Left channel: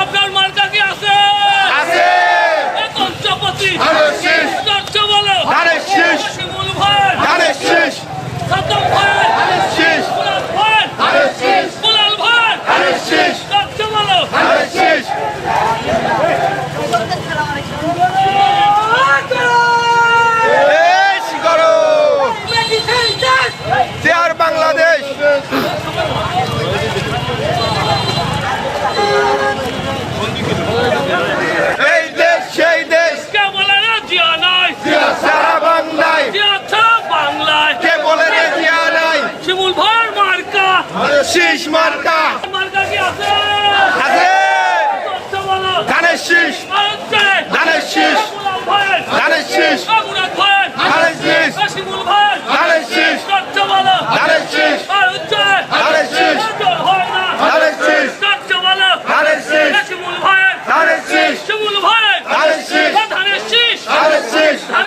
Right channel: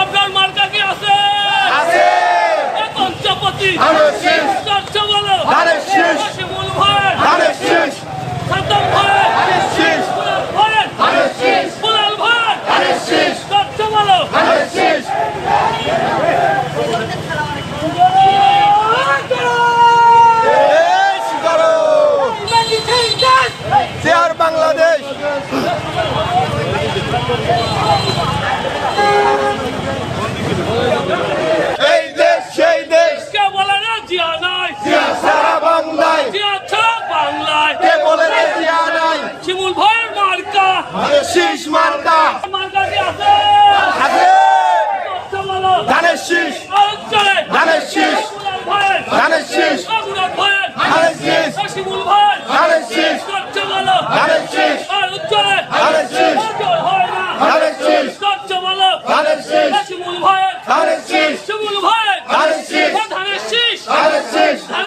আপনার মার্কা কি আছে? আছে। পঞ্চপতি ধানের শীষ। চর্চ বলো ধানের শীষ। শিমুল ভাই ধানের শীষ। সাদ্দাম ভাই ধানের শীষ। কুলাল ভাই ধানের শীষ। কুলাল ভাই ধানের শীষ। চর্চ বলো ধানের শীষ। দেশ গড়ো, চেয়ার বাংলাদেশ। এই দেশ সেই দেশ, কে বলে না জিয়া নাই? জিয়া সারা বাংলায়। জিয়া ছাড়া বাংলায় কে বলে রে জিয়া নাই? শিমুল ভাইয়ের মার্কা ধানের শীষ মার্কা মার্কা কি আছে? আছে। চর্চ বলো ধানের শীষ। আয়োজনে ধানের শীষ। কুলাল ভাই ধানের শীষ। মুরাদ ভাই ধানের শীষ। শিমুল ভাই ধানের শীষ। চর্চ বলো ধানের শীষ। আয়োজনে ধানের শীষ। হয় না ধানের শীষ। চর্চ বলো ধানের শীষ।